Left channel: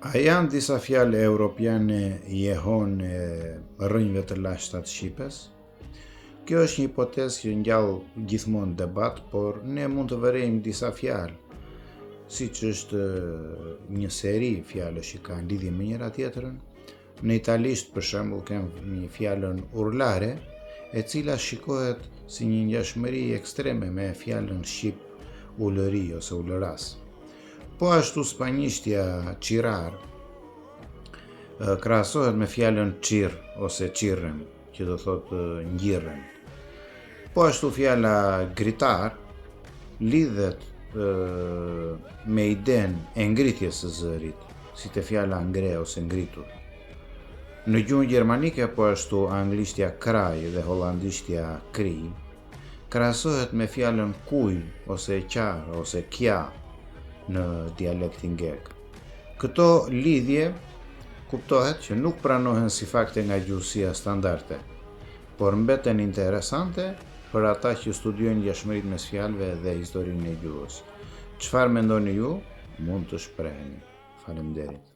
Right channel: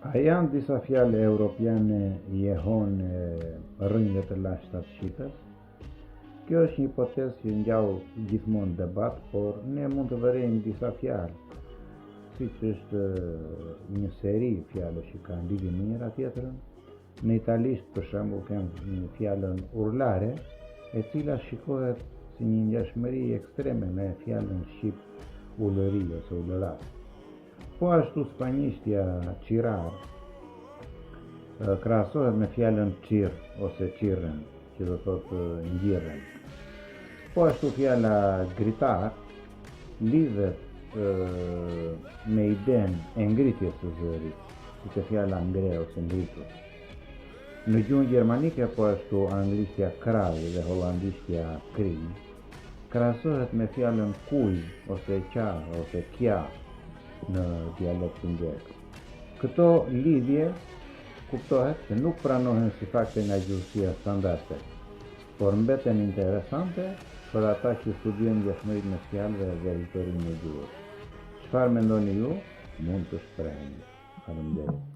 A janë disa fjalë europiane jehone rrënjve të lashta të shqipes? Kjo është një hipotezë që ngjall gjithmonë debat, por ne mund të vërejmë disa fjalë, siç është një seri fjalësh që kanë lidhje me njëra tjetrën. Në italisht, për shembull, kemi një fjalën urlare, e cila shikohet si një ngjashmëri ekstreme me fjalën shqip ulëri ose ulëras. Po ashtu spanjishtja qirar krahasohet me fjalën qir ose qirren, që do thotë ngjirren. Po ashtu fjala gritar lidhet me idenë e ngritjes së zërit, si te fjala ngre ose ngritur. Në gjuhën gjermanike, po ashtu anglishtja kraj dhe hollandishtja kri krahasohet me fjalën kuj ose qar ose kja në dialektin grek. Këto lidhje kuptohet që nuk pranohen si fakte nga gjuhësia standarde, por mbeten interesante për ata që studiojnë ngjashmëritë mes fjalëve dhe historinë e gjuhës. Çfarë mendoni ju? Mund të shpreheni. Faleminderit.